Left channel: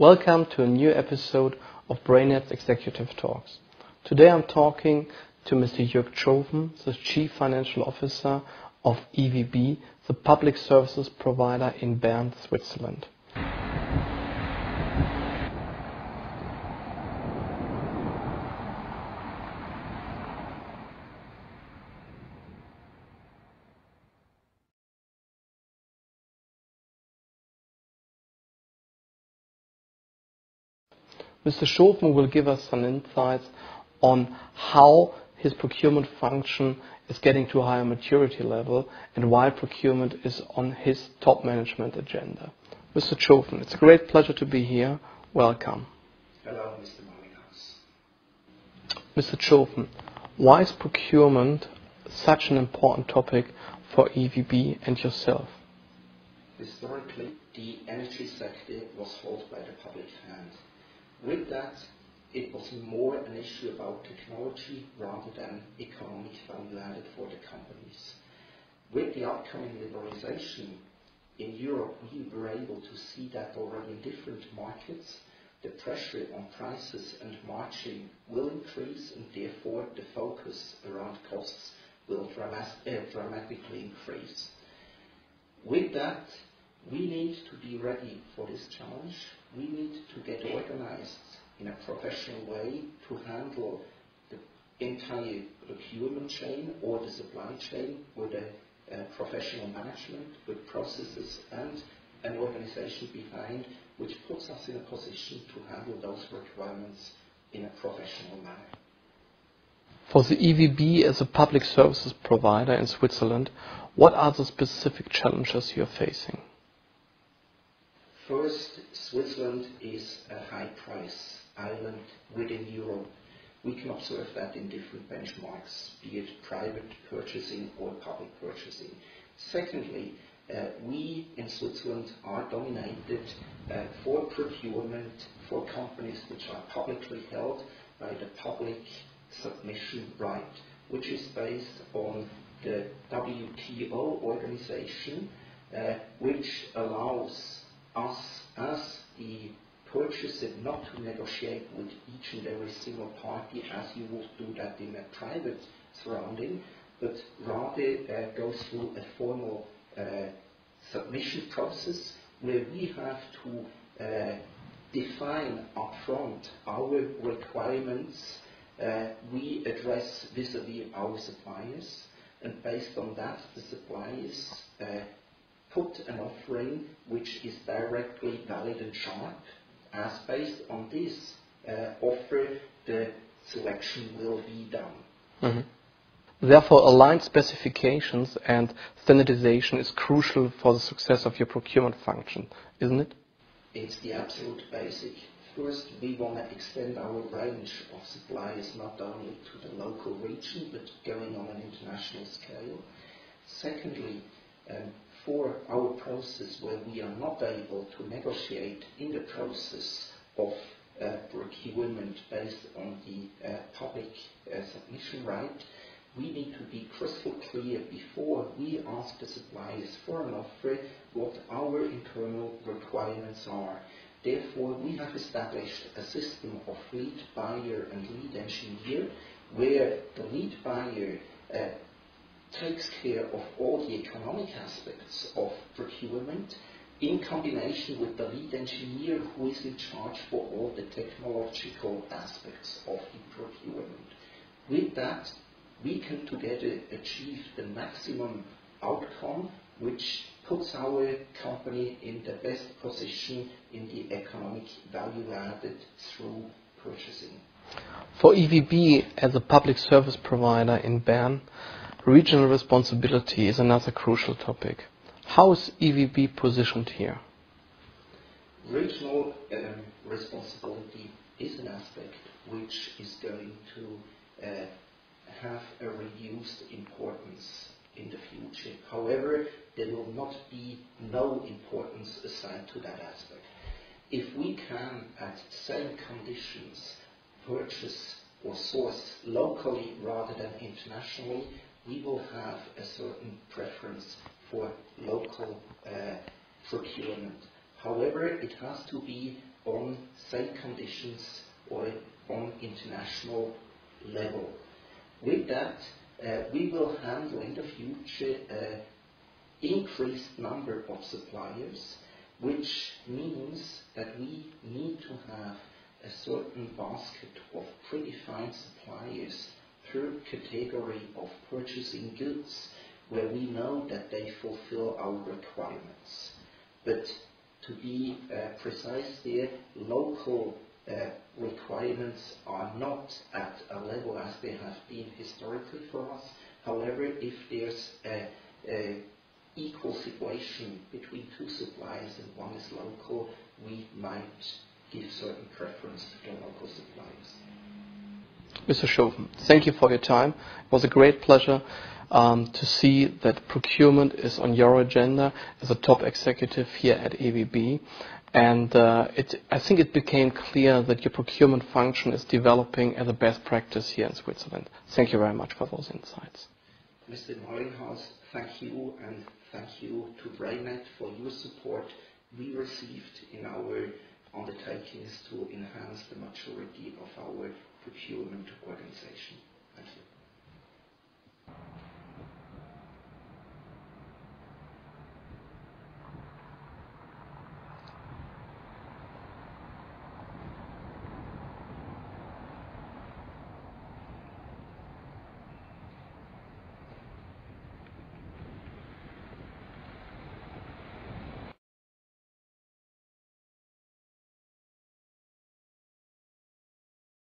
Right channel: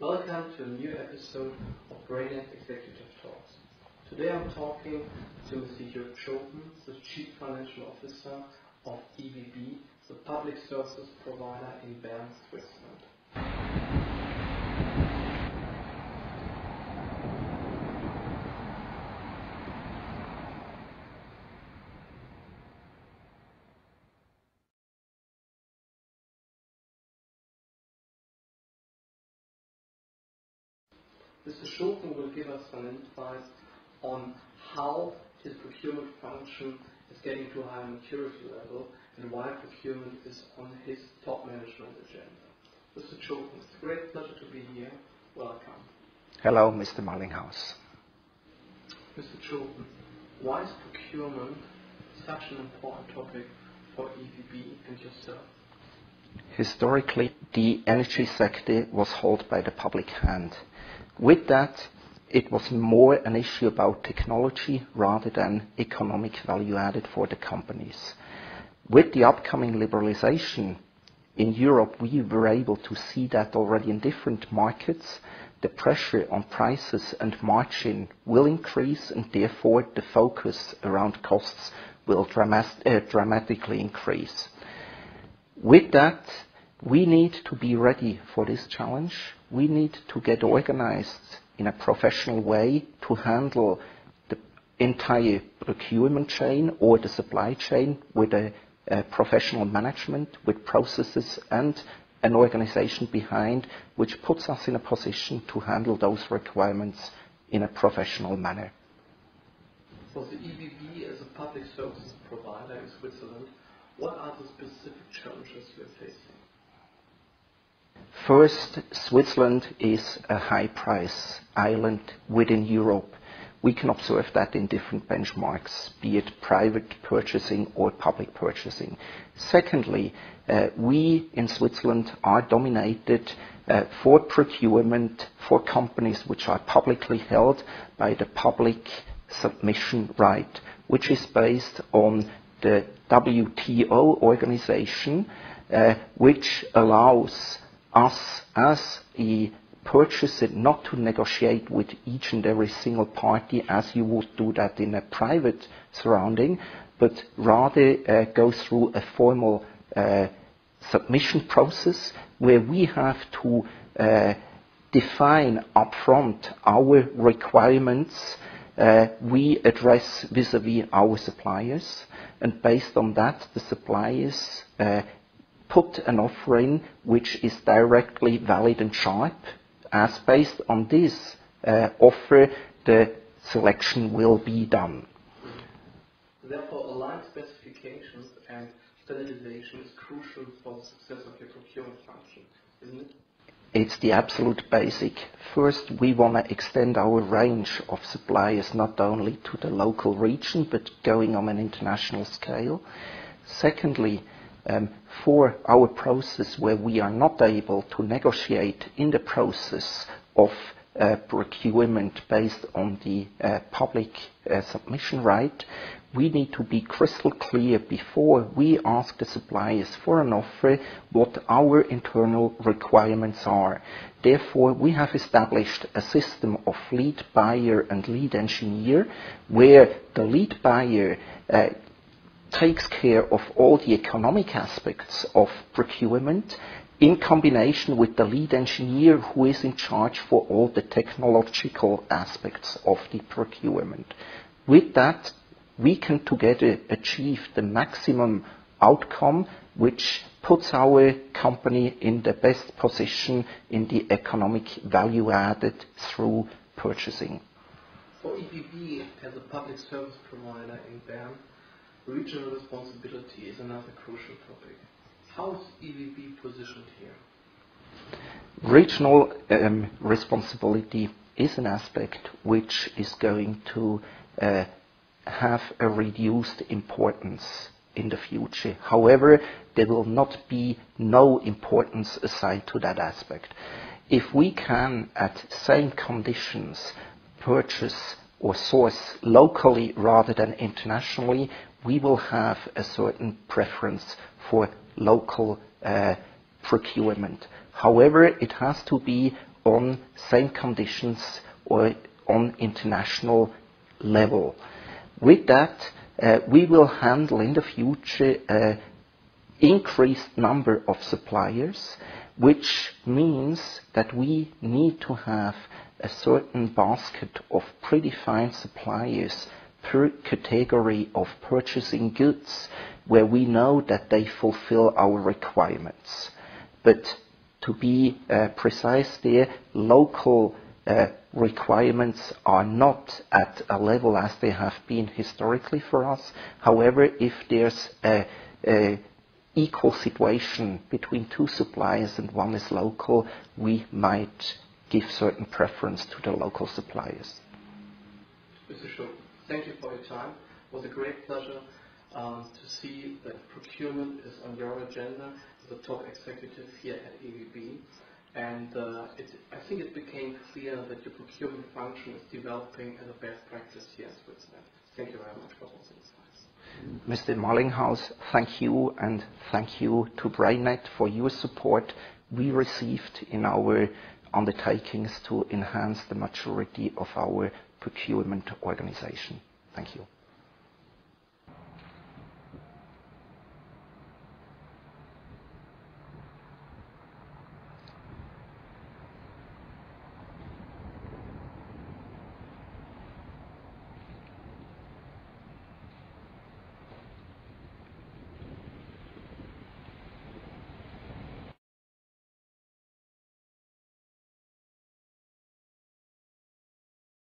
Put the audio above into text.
Welcome to a new episode of BrainNet Executive Talks. Today I'm talking to Mr. Jürg Tschofen, the Chief Financial Officer of EWB, the public services provider in Bern, Switzerland. Mr. Tschofen will give us some insights on how his procurement function is getting to a higher maturity level and why procurement is on his top management agenda. Mr. Tschofen, it's a great pleasure to be here. Welcome. Hello, Mr. Mallinghaus. Mr. Tschofen, why is procurement such an important topic for EWB and yourself? Historically, the energy sector was held by the public hand. With that, it was more an issue about technology rather than economic value added for the companies. With the upcoming liberalization in Europe, we were able to see that already in different markets. The pressure on prices and margin will increase, and therefore the focus around costs will dramatically increase. With that, we need to be ready for this challenge. We need to get organized in a professional way to handle the entire procurement chain or the supply chain with a professional management, with processes and an organization behind, which puts us in a position to handle those requirements in a professional manner. For the EWB as a public services provider in Switzerland, what are the specific challenges you're facing? First, Switzerland is a high-price island within Europe. We can observe that in different benchmarks, be it private purchasing or public purchasing. Secondly, we in Switzerland are dominated for procurement for companies which are publicly held by the public submission right, which is based on the WTO organization, which allows us as a purchaser not to negotiate with each and every single party as you would do that in a private surrounding, but rather go through a formal submission process where we have to define upfront our requirements we address vis-à-vis our suppliers, and based on that the suppliers put an offer in which is directly valid and sharp, as based on this offer the selection will be done. Mm-hmm. Therefore, aligned specifications and standardization is crucial for the success of your procurement function, isn't it? It's the absolute basic. First, we want to extend our range of suppliers not only to the local region, but going on an international scale. Secondly, for our process where we are not able to negotiate in the process of procurement based on the public submission right, we need to be crystal clear before we ask the suppliers for an offer what our internal requirements are. Therefore, we have established a system of lead buyer and lead engineer where the lead buyer takes care of all the economic aspects of procurement in combination with the lead engineer who is in charge for all the technological aspects of the procurement. With that, we can together achieve the maximum outcome which puts our company in the best position in the economic value added through purchasing. For EWB as a public service provider in Bern, regional responsibility is another crucial topic. How is EWB positioned here? Regional responsibility is an aspect which is going to have a reduced importance in the future. However, there will not be no importance aside to that aspect. If we can, at same conditions, purchase or source locally rather than internationally, we will have a certain preference for local procurement. However, it has to be on same conditions or on international level. With that, we will handle in the future increased number of suppliers, which means that we need to have a certain basket of predefined suppliers per category of purchasing goods, where we know that they fulfill our requirements. But to be precise there, local requirements are not at a level as they have been historically for us. However, if there's a equal situation between two suppliers and one is local, we might give certain preference to the local suppliers. Mr. Tschofen, thank you for your time. It was a great pleasure to see that procurement is on your agenda as a top executive here at ABB. And I think it became clear that your procurement function is developing as a best practice here in Switzerland. Thank you very much for those insights. Mr. Marlinghaus, thank you, and thank you to BrainNet for your support we received in our undertakings to enhance the maturity of our procurement organization. Thank you.